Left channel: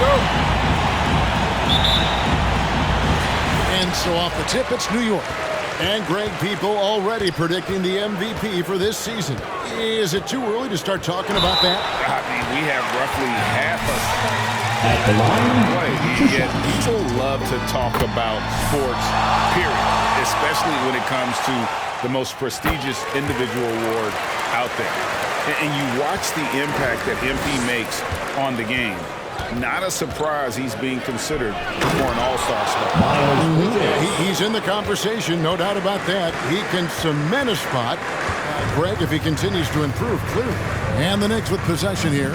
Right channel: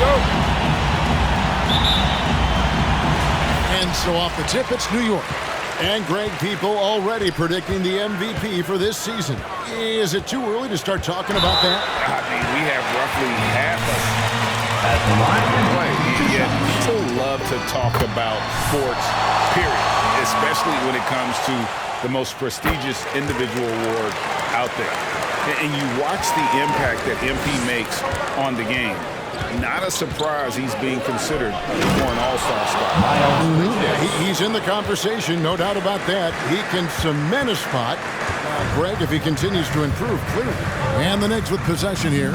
go. And so off the tip, it's New York. And Greg, people already predicting the MVP for this season. Is it too early to start talking about that? I mean, we have roughly half a at the line. Play. Yet people love to talk about sports, period, especially when it comes to the most prestigious individual award out there. And you watch the impact that MP makes on the game. Not a surprise he's being considered for an all-star spot. Yeah, he's in the conversation, no doubt about that. He can cement a spot, Greg, if he continues to improve, clearly. And the Knicks with possession here.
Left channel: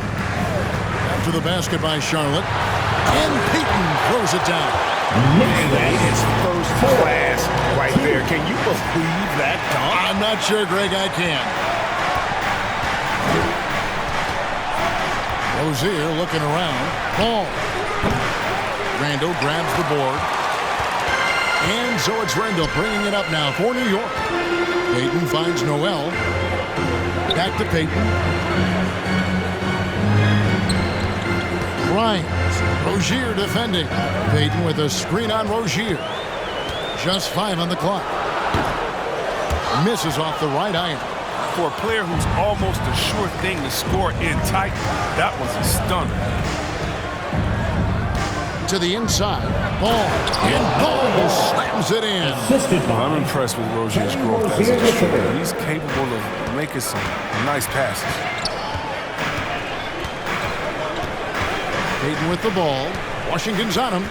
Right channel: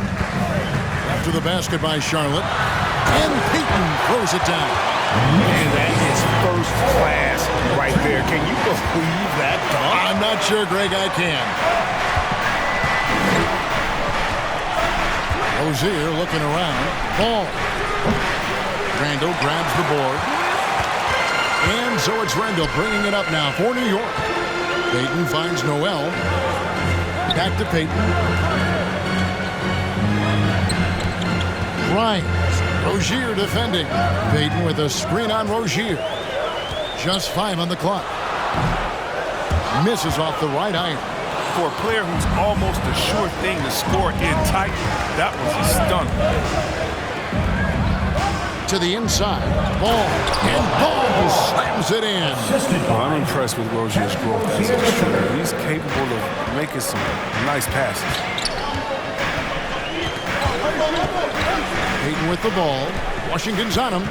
After the basket by Charlotte. And Payton throws it down. And that is first class right there. Can you believe that dunk? I'm not sure, Greg, I can. Rozier looking around. Ball. Randall grabs the board. And so it's Randall bringing it up now for New York. Payton finds Noel. Back to Payton. Grimes. Rozier defending. Payton with a screen on Rozier. Just 5 on the clock. Misses off the right iron. For a player who's almost a sure thing to score in tight, that was a stunner. To the inside. Ball. And Ball slams it in. I'm impressed with Rozier's growth as a distributor. He's capable of making some nice passes. Payton with the ball. Washington's on him.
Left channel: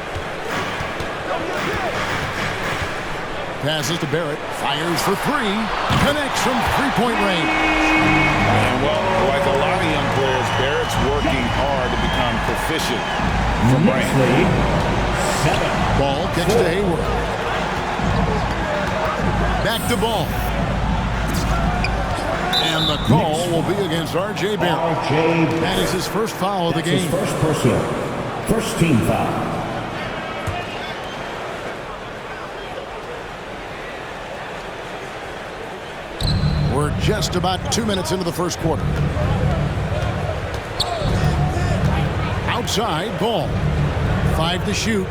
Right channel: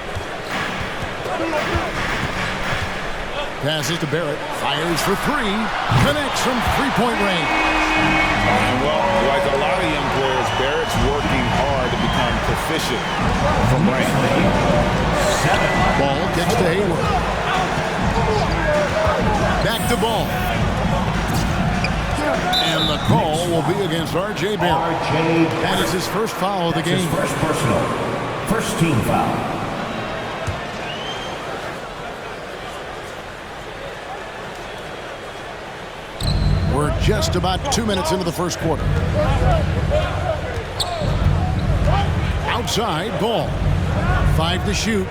Passes to Barrett. Fires for 3. Connects from three-point range. And well, like a lot of young players, Barrett's working hard to become proficient from range. Ball kicks to Hayward. Back to Ball. And the call will be against R.J. Barrett. That is his first foul of the game. His first personal. First team foul. We're just about 2 minutes into the first quarter. Outside, Ball. 5 to shoot.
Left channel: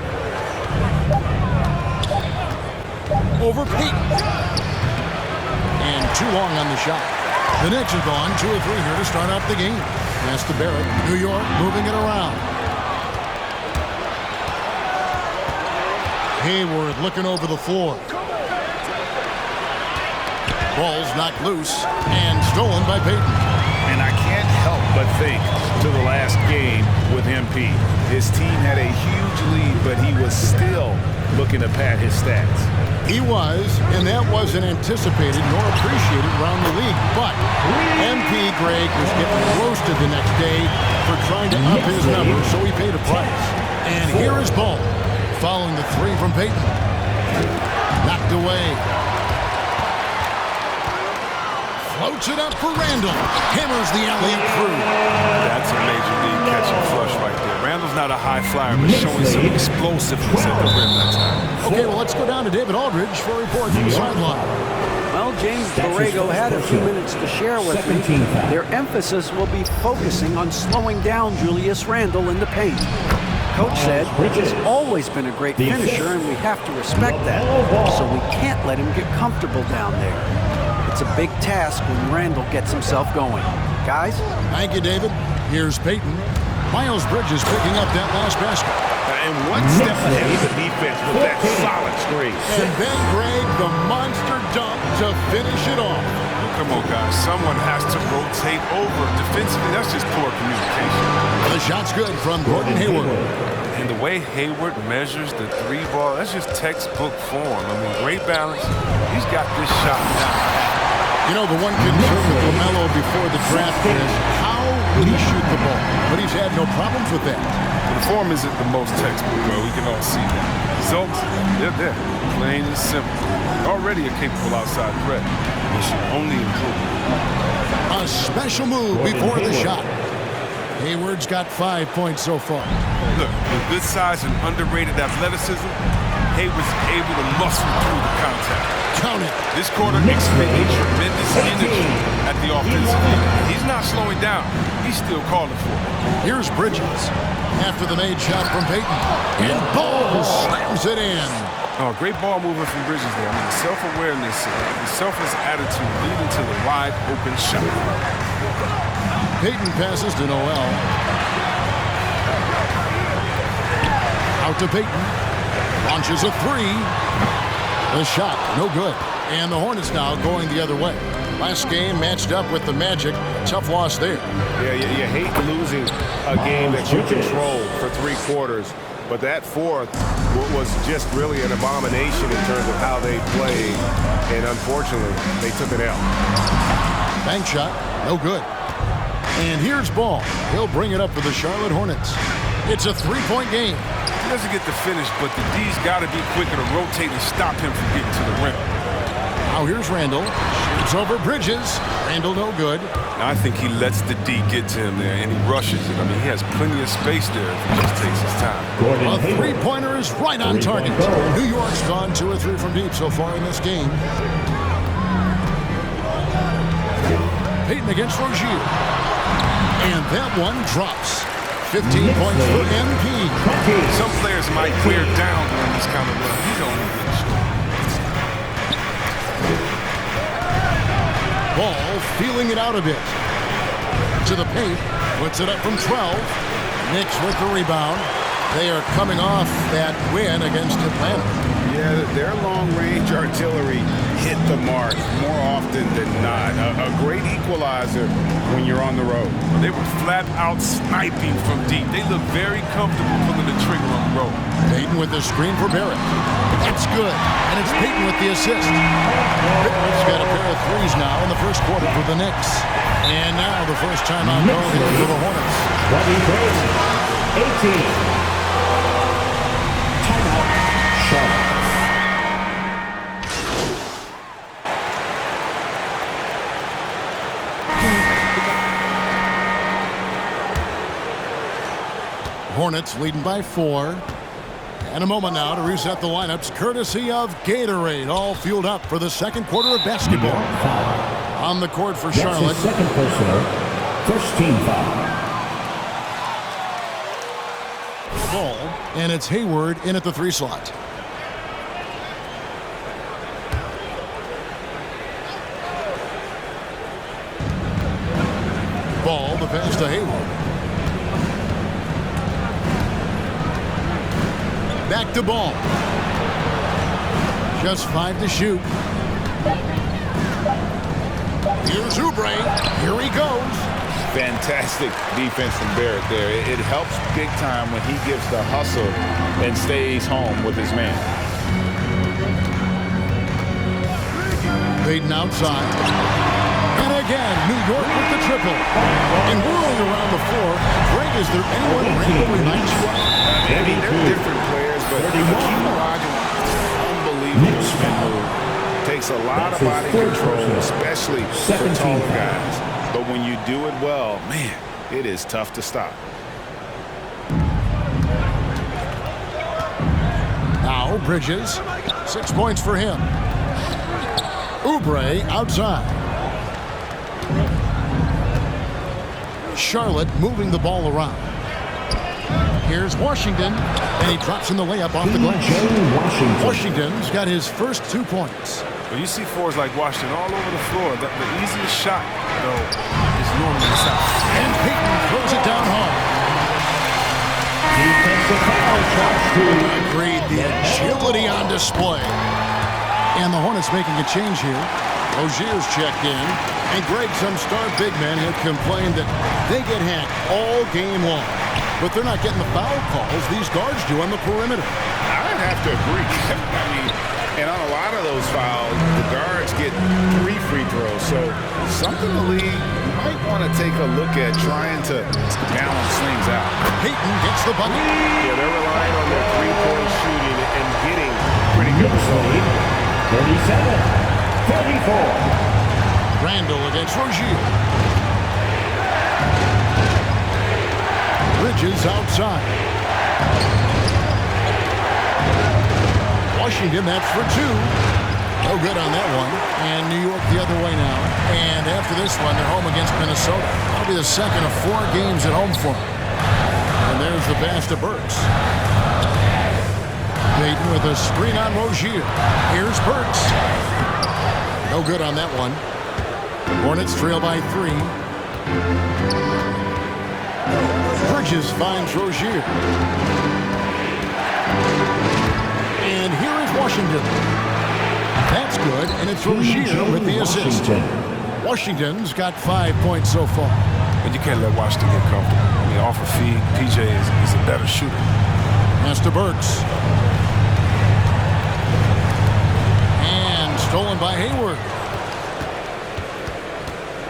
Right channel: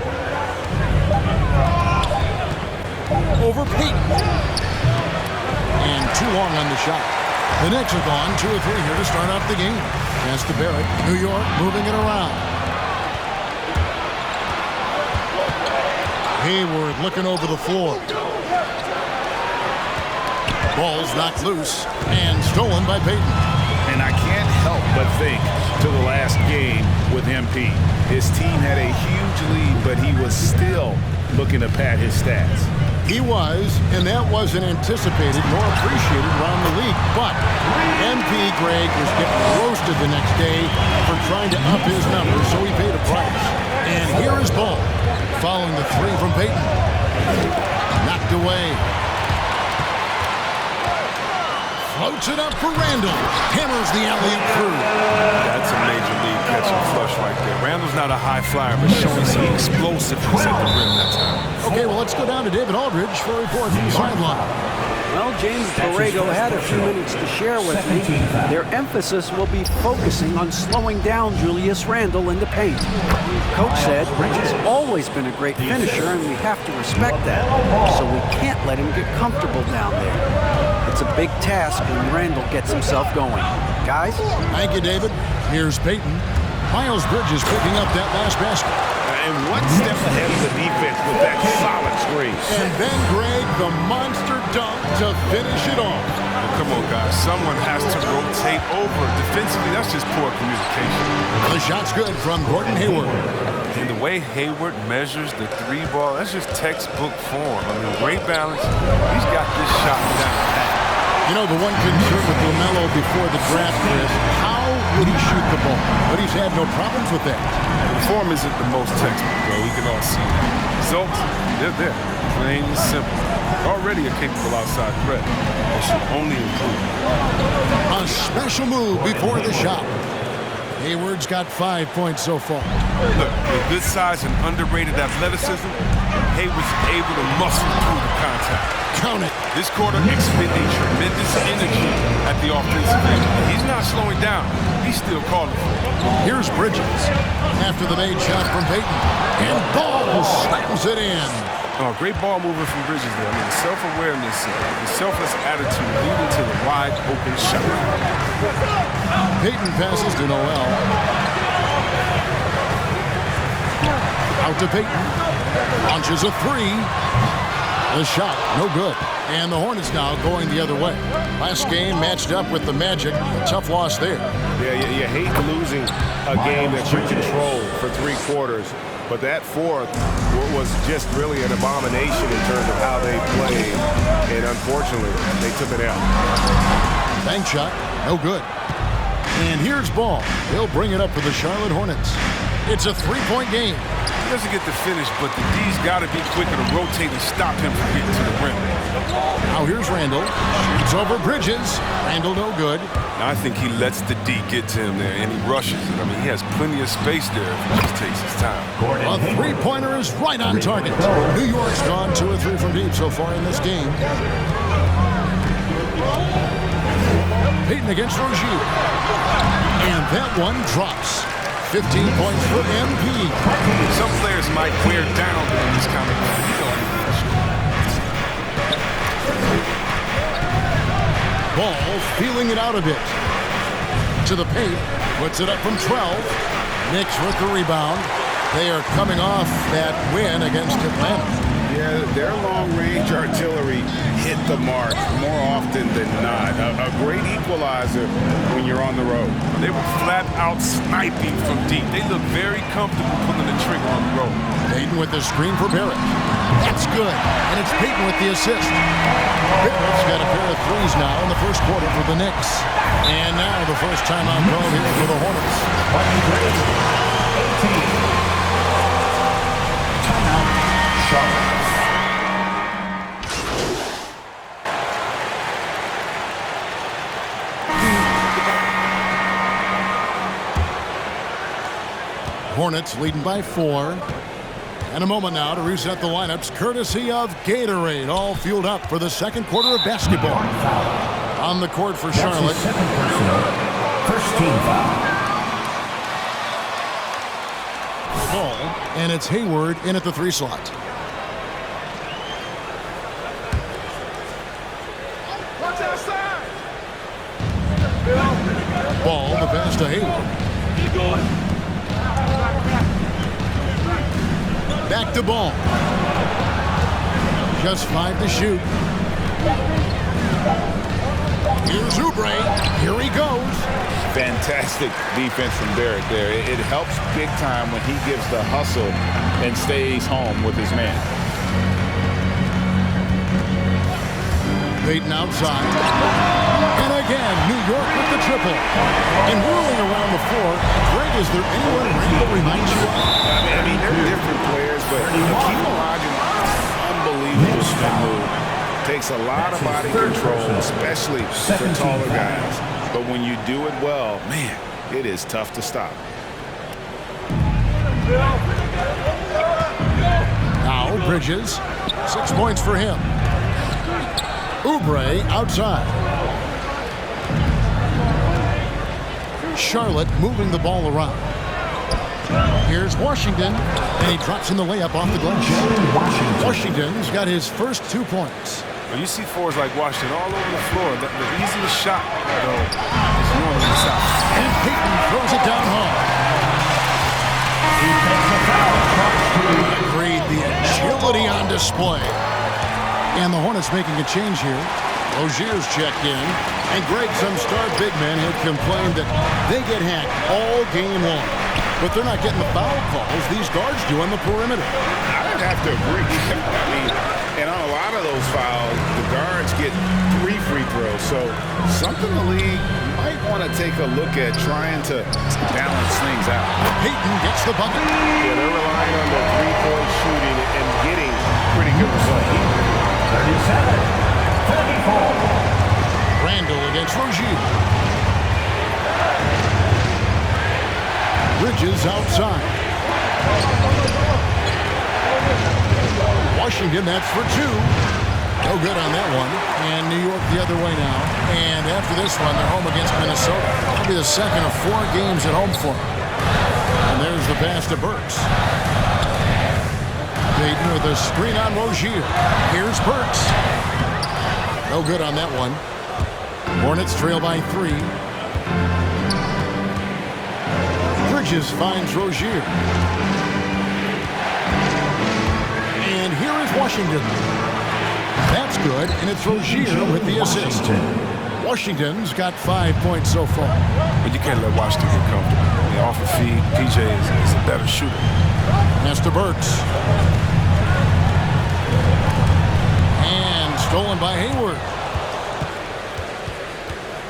Over Payton. And too long on the shot. The Knicks have gone 2 of 3 here to start off the game. Pass to Barrett. New York moving it around. Hayward looking over the floor. Ball's knocked loose and stolen by Payton. And I can't help but think to the last game with MP. His team had a huge lead, but he was still looking to pad his stats. He was, and that wasn't anticipated nor appreciated around the league. But MP Greg was getting roasted the next day for trying to up his numbers, so he paid a price. And here is Ball, following the 3 from Payton. Knocked away. Floats it up for Randall. Hammers the alley-oop through. That's a major league catch and flush right there. Randall's not a high flyer, but showing some explosiveness at the rim that time. Okay, well, let's go down to David Aldridge for a report from the sideline. Well, James Borrego had a few minutes to share with me. Their emphasis will be focusing on slowing down Julius Randle in the paint. Coach said he's always been a great finisher, and we have to respect that. So we can't let him get comfortable down there. It's a big task when Randle gets himself going. Guys? Thank you, David. Here's Payton. Miles Bridges picking up that last basket. And one step ahead of the defense with that solid screen. And then, Greg, the monster dunk to finish it off. Well, come on, guys. Someone has to rotate over. Defensively, that's just poor communication. The shot's good from Gordon Hayward. And the way Hayward measures the 3 ball, that's just textbook form. I mean, great balance. He's got this shot down pat. You know, the one concern with LaMelo before the draft, Chris, how would he shoot the ball? But he's had no problems with that. The form isn't the most textbook, though. We can all see that. Results, they're there. Plain and simple. Already a capable outside threat. They should only improve. A special move before the shot. Hayward's got 5 points so far. Look, with good size and underrated athleticism, Hayward's able to muscle through the contact. Count it. This quarter expending tremendous energy at the offensive end. He's not slowing down. He's still calling for it. Here's Bridges after the made shot from Payton. And Ball slams it in. Oh, great ball movement from Bridges there. I mean, the self-awareness, the selfless attitude leading to the wide open shot. Payton passes to Noel. Out to Payton. Launches a three. The shot, no good. And the Hornets now going the other way. Last game matched up with the Magic. A tough loss there. Yeah, you hate losing a game that you controlled for 3 quarters. But that fourth was just really an abomination in terms of how they played. And unfortunately, they took it out. Bank shot, no good. And here's Ball. He'll bring it up for the Charlotte Hornets. It's a 3-point game. He doesn't get the finish, but the D's got to be quicker to rotate and stop him from getting to the rim. Now here's Randall. Shoots over Bridges. Randall no good. Now I think he lets the D get to him there, and he rushes it. I mean, he has plenty of space there if he just takes his time. A three-pointer is right on target. New York's gone 2 or 3 from deep so far in this game. Payton against Rozier. And that one drops. 15 points for MP. Some players might wear down during this kind of run. He's only getting short. Ball feeling it out a bit. To the paint. Puts it up from 12. Knicks with the rebound. They are coming off that win against Atlanta. Yeah, their long-range artillery hit the mark more often than not. A great equalizer when you're on the road. They were flat out sniping from deep. They look very comfortable pulling the trigger on the road. Payton with the screen for Barrett. That's good. And it's Payton with the assist. Barrett's got a pair of threes now in the first quarter for the Knicks. And now the first timeout called here for the Hornets. 18. Timeout, Charlotte. Hornets leading by 4. And a moment now to reset the lineups, courtesy of Gatorade, all fueled up for the second quarter of basketball. On the court for Charlotte. Second personal, first team foul. Ball, and it's Hayward in at the 3 slot. Ball, the pass to Hayward. Back to Ball. Just 5 to shoot. Here's Oubre. Here he goes. Fantastic defense from Barrett there. It helps big time when he gives the hustle and stays home with his man. Payton outside. And again, New York with the triple. And whirling around the floor, Greg, is there anyone Randall reminds you of? I mean, they're different players, but Hakeem Olajuwon, unbelievable spin move. Takes a lot of body control, especially for taller guys. But when you do it well, man, it is tough to stop. Now Bridges, 6 points for him. Oubre outside. Charlotte moving the ball around. Here's Washington, and he drops in the layup off the glass. Washington's got his first 2 points. Well, you see fours like Washington all over the floor. The easiest shot, though, is normally the south. And Payton throws it down home. Agreed, the agility on display. And the Hornets making a change here. Rozier's checked in. And Greg, some star big men have complained that they get hacked all game long. But they're not getting the foul calls these guards do on the perimeter. I'd have to agree. I mean, and on a lot of those fouls, the guards get 3 free throws. So something the league might want to take a look at trying to balance things out. Payton gets the bucket. Yeah, they're relying on their 3-point shooting and getting pretty good results. 37-34. Randall against Rozier. Bridges outside. Washington, that's for 2. No good on that one. And New York the other way now. And after this one, they're home against Minnesota. That'll be the second of 4 games at home for them. And there's the pass to Burks. Payton with a screen on Rozier. Here's Burks. No good on that one. Hornets trail by 3. Bridges finds Rozier. And here is Washington. That's good, and it's Rozier with the assist. Washington's got 5 points so far. But you can't let Washington get comfortable. I mean, off a feed, PJ is a better shooter. Pass to Burks. And stolen by Hayward.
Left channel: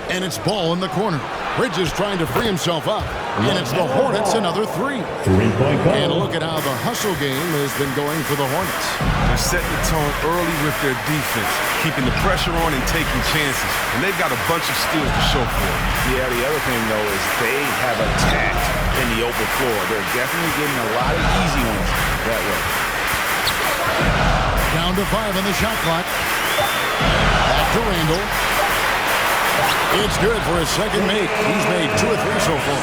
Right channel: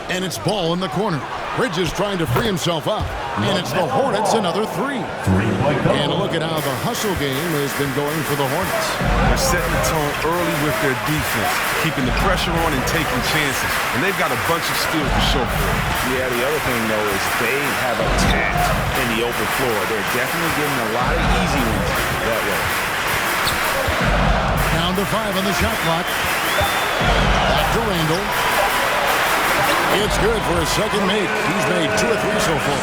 And it's ball in the corner. Bridges trying to free himself up. And it's the Hornets, another 3. 3-point goal. And look at how the hustle game has been going for the Hornets. They're setting the tone early with their defense, keeping the pressure on and taking chances. And they've got a bunch of steals to show for it. Yeah, the other thing, though, is they have attacked in the open floor. They're definitely getting a lot of easy ones that way. Down to 5 on the shot clock. Back to Randall. It's good for his second make. He's made 2 or 3 so far.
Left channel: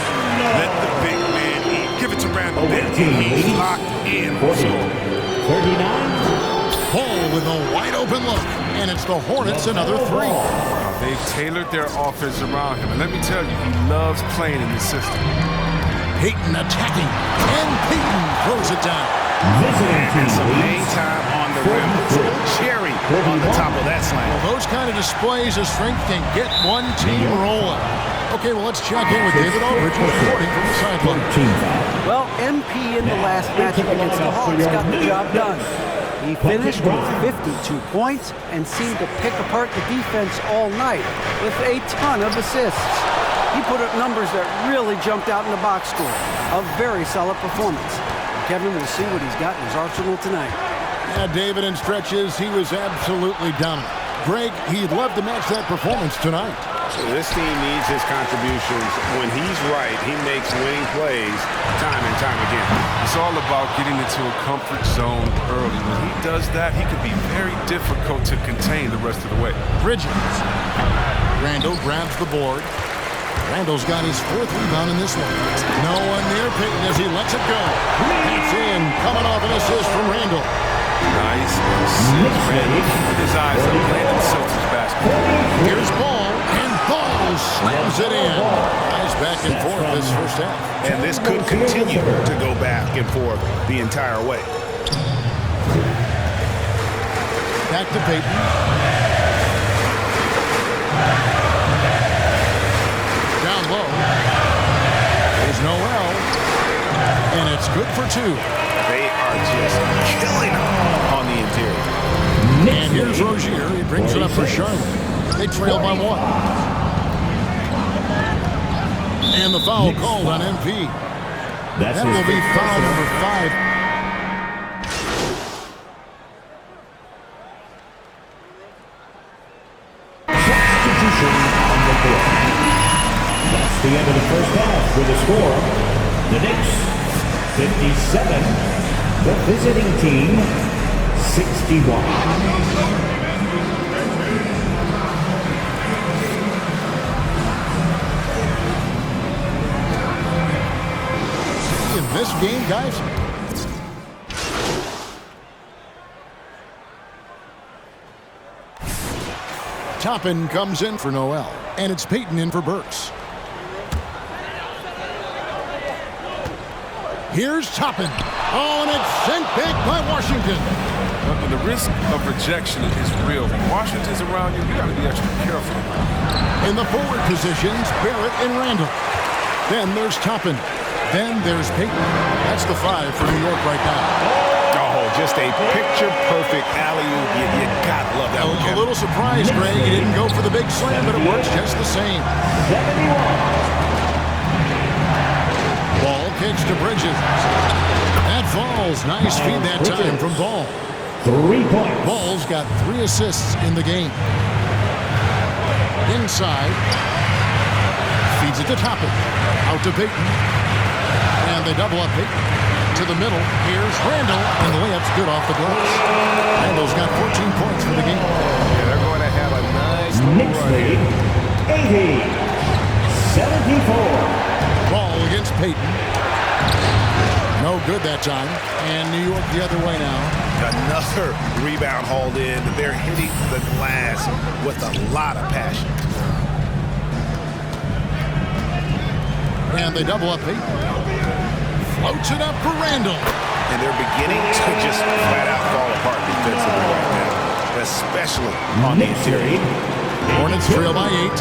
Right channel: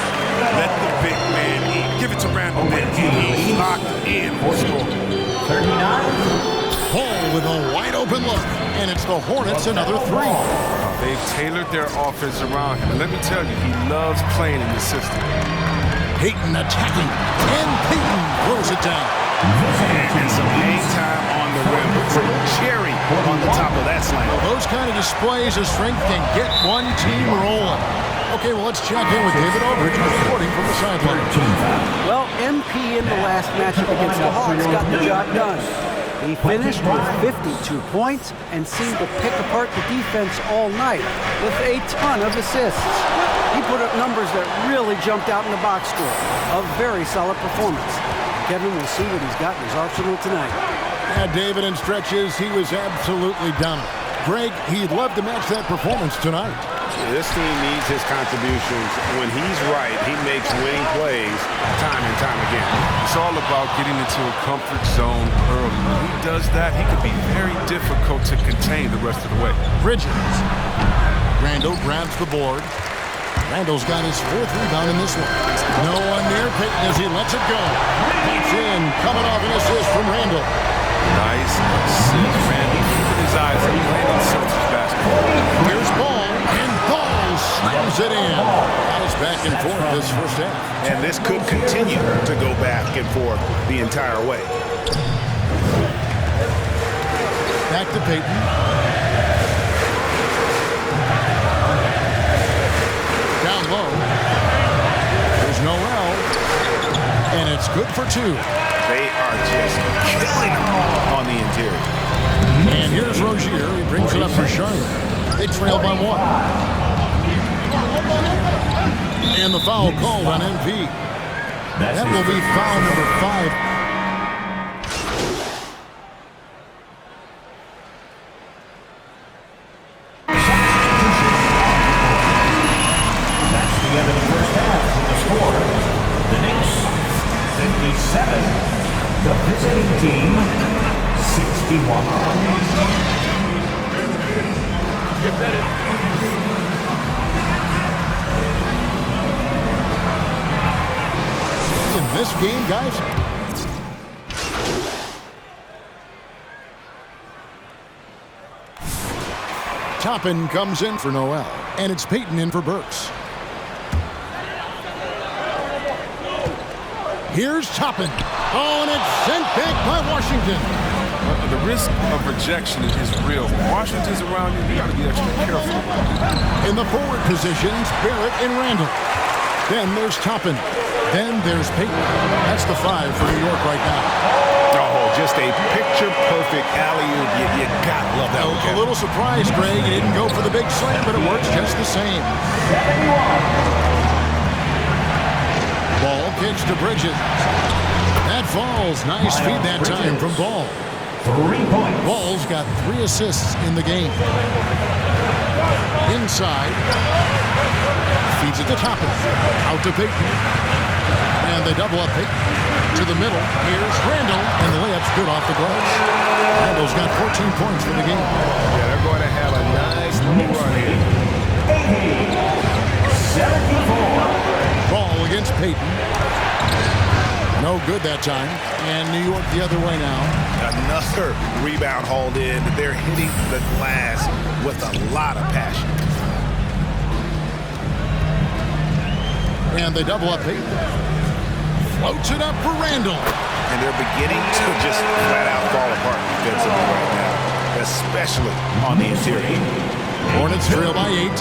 Let the big man eat. Give it to Randall. He's locked in for score. 39. Ball with a wide open look. And it's the Hornets, another 3. They've tailored their offense around him. And let me tell you, he loves playing in this system. Payton attacking. And Payton throws it down. And some hang time on the rim. Puts a little cherry on the top of that slam. Well, those kind of displays of strength can get one team rolling. Okay, well, let's check in with David Aldridge, who's reporting from the sideline. Well, MP in the last matchup against the Hawks got the job done. He finished with 52 points and seemed to pick apart the defense all night with a ton of assists. He put up numbers that really jumped out in the box score. A very solid performance. Kevin will see what he's got in his arsenal tonight. Yeah, David, in stretches, he was absolutely dominant. Greg, he'd love to match that performance tonight. This team needs his contributions. When he's right, he makes winning plays time and time again. It's all about getting into a comfort zone early. When he does that, he could be very difficult to contain the rest of the way. Bridges. Randall grabs the board. Randall's got his 4th rebound in this one. No one near Payton as he lets it go. That's in, coming off an assist from Randall. Nice assist. Randall keeping his eyes up, playing in Celtics basketball. Here's Ball, and Ball slams it in. Guys back and forth this first half. And this could continue to go back and forth the entire way. Back to Payton. Down low. There's Noel. And it's good for 2. They are just killing them on the interior. And here's Rozier. He brings it up for Charlotte. They trail by 1. And the foul called on MP. That will be foul number 5. That's the end of the first half with the score. The Knicks, 57. The visiting team, 61. In this game, guys, Toppin comes in for Noel, and it's Payton in for Burks. Here's Toppin. Oh, and it's sent back by Washington. The risk of rejection is real. When Washington's around you, you got to be extra careful. In the forward positions, Barrett and Randall. Then there's Toppin. Then there's Payton. That's the 5 for New York right now. Oh, just a picture-perfect alley-oop. You gotta love that one, A little surprised, Greg. He didn't go for the big slam, but it works just the same. 71. Ball kicks to Bridges. That falls. Nice feed that time from Ball. 3 points. Ball's got 3 assists in the game. Inside. Feeds it to Toppin. Out to Payton. And they double up Payton. to the middle. Here's Randall, and the layup's good off the glass. Randall's got 14 points for the game. Yeah, they're going to have a nice little run here. 80-74. Ball against Peyton. No good that time. And New York the other way now. Another rebound hauled in. They're hitting the glass with a lot of passion. And they double up Peyton. Floats it up for Randall. And they're beginning to just flat out fall apart defensively right now, especially on the interior. Hornets trail by 8.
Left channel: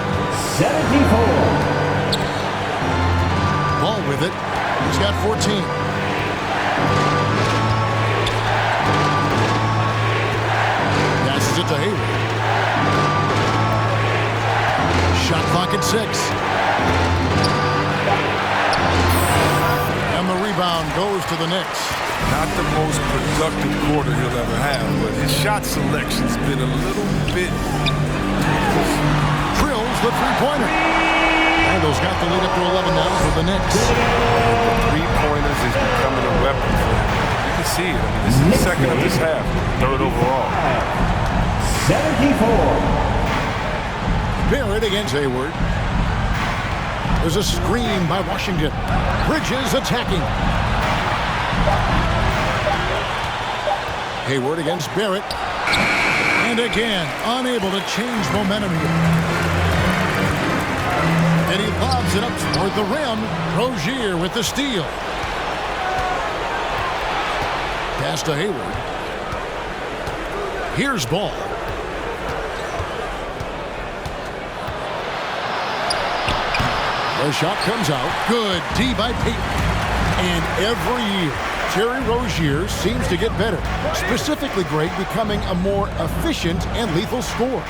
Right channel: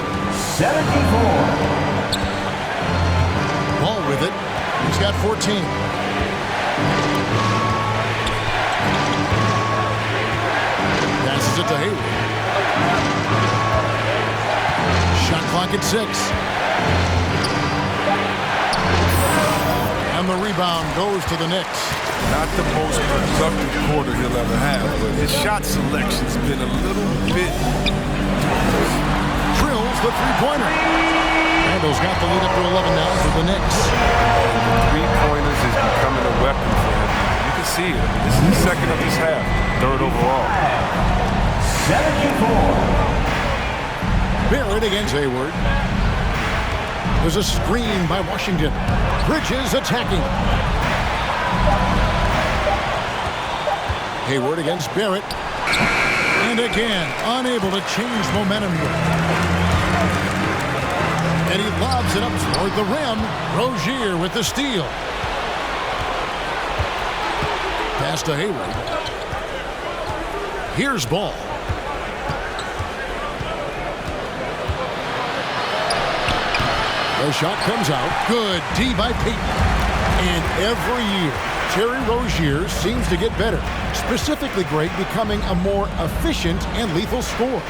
74. Ball with it. He's got 14. Passes it to Hayward. Shot clock at 6. And the rebound goes to the Knicks. Not the most productive quarter he'll ever have, but his shot selection's been a little bit... Drills the three-pointer. Randall's got the lead up to 11 now for the Knicks. And the three-pointers is becoming a weapon for him. You can see it. I mean, this is the second of this half, third overall. 74. Barrett against Hayward. There's a screen by Washington. Bridges attacking. Hayward against Barrett. And again, unable to change momentum here. And he lobs it up toward the rim. Rozier with the steal. Pass to Hayward. Here's Ball. The shot comes out. Good D by Peyton. And every year, Terry Rozier seems to get better. Specifically, Greg, becoming a more efficient and lethal scorer.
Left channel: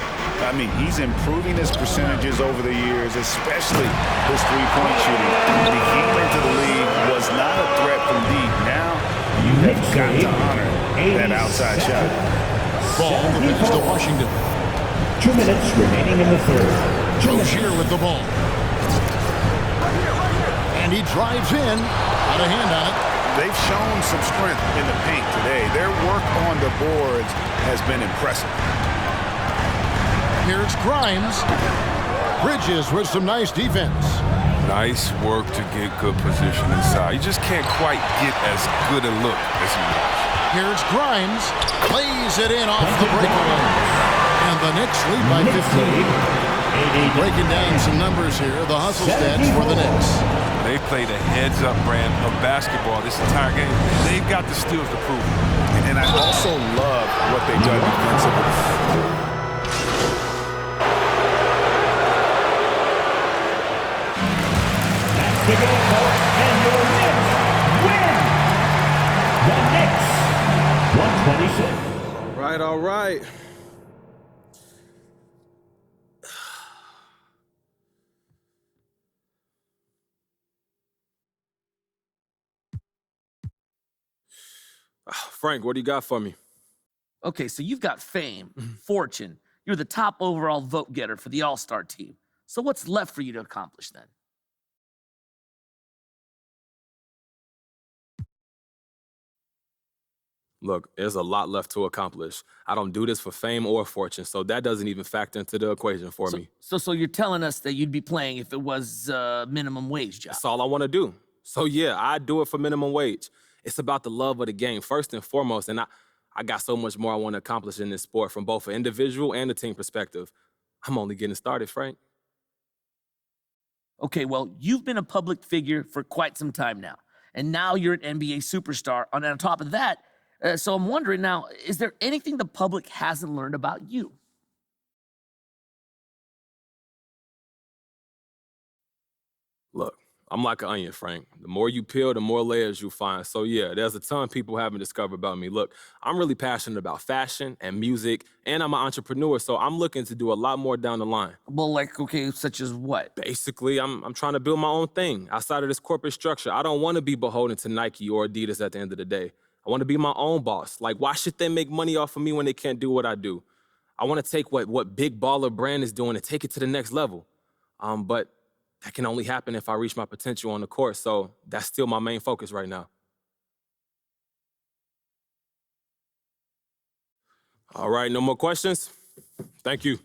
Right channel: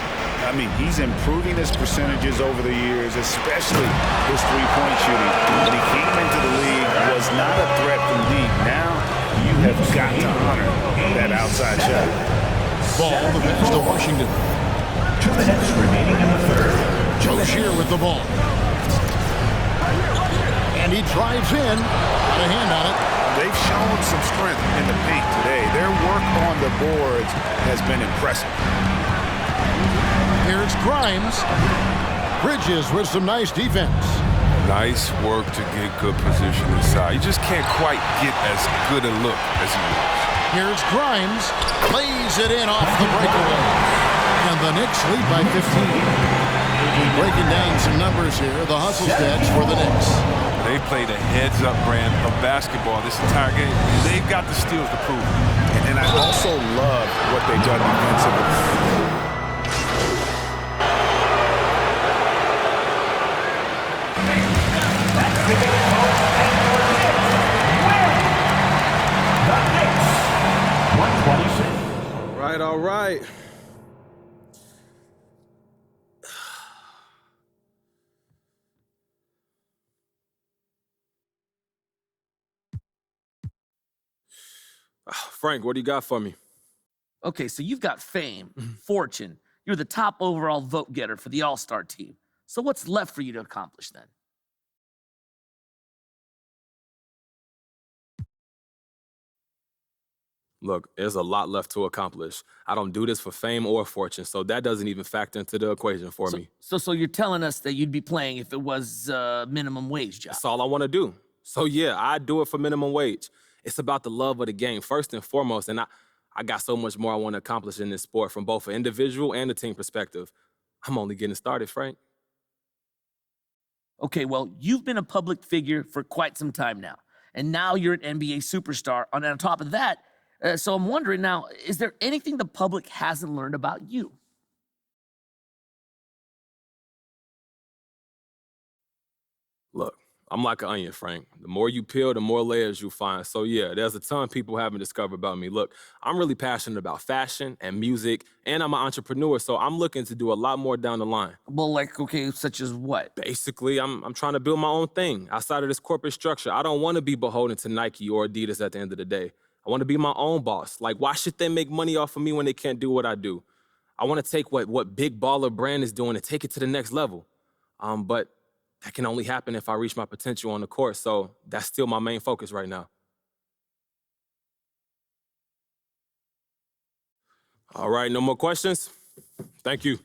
I mean, he's improving his percentages over the years, especially his three-point shooting. When he came into the league, was not a threat from deep. Now, you have got to honor that outside shot. Ball the pass to Washington. 2 minutes remaining in the third. Rozier with the ball. And he drives in. Got a hand on it. They've shown some strength in the paint today. Their work on the boards has been impressive. Here's Grimes. Bridges with some nice defense. Nice work to get good position inside. You just can't quite get as good a look as he wants. Here's Grimes. Lays it in off the breakaway. And the Knicks lead by 15. Breaking down some numbers here. The hustle stats for the Knicks. They played a heads-up brand of basketball this entire game. They've got the steals to prove it. And I also love what they've done defensively. That's the game, folks, and your Knicks win! The Knicks, 126. All right. Frank, what do you got for me? Okay, so you've got fame, fortune. You're the top overall vote getter for the All-Star team. So what's left for you to accomplish then? Look, there's a lot left to accomplish. I don't do this for fame or fortune, so that doesn't even factor into the equation for me. So you're telling us that you'd be playing if it was a minimum wage job? That's all I want to do. So yeah, I do it for minimum wage. It's about the love of the game, first and foremost, and I got so much more I want to accomplish in this sport from both an individual and a team perspective. I'm only getting started, Frank. Okay, well, you've been a public figure for quite some time now, and now you're an NBA superstar. And on top of that, so I'm wondering now, is there anything the public hasn't learned about you? Look, I'm like an onion, Frank. The more you peel, the more layers you find. So yeah, there's a ton people haven't discovered about me. Look, I'm really passionate about fashion and music, and I'm an entrepreneur, so I'm looking to do a lot more down the line. Well, like, okay, such as what? Basically, I'm trying to build my own thing outside of this corporate structure. I don't want to be beholden to Nike or Adidas at the end of the day. I want to be my own boss. Like, why should they make money off of me when they can't do what I do? I want to take what Big Baller Brand is doing and take it to the next level. But that can only happen if I reach my potential on the court, so that's still my main focus right now. All right, no more questions? Thank you.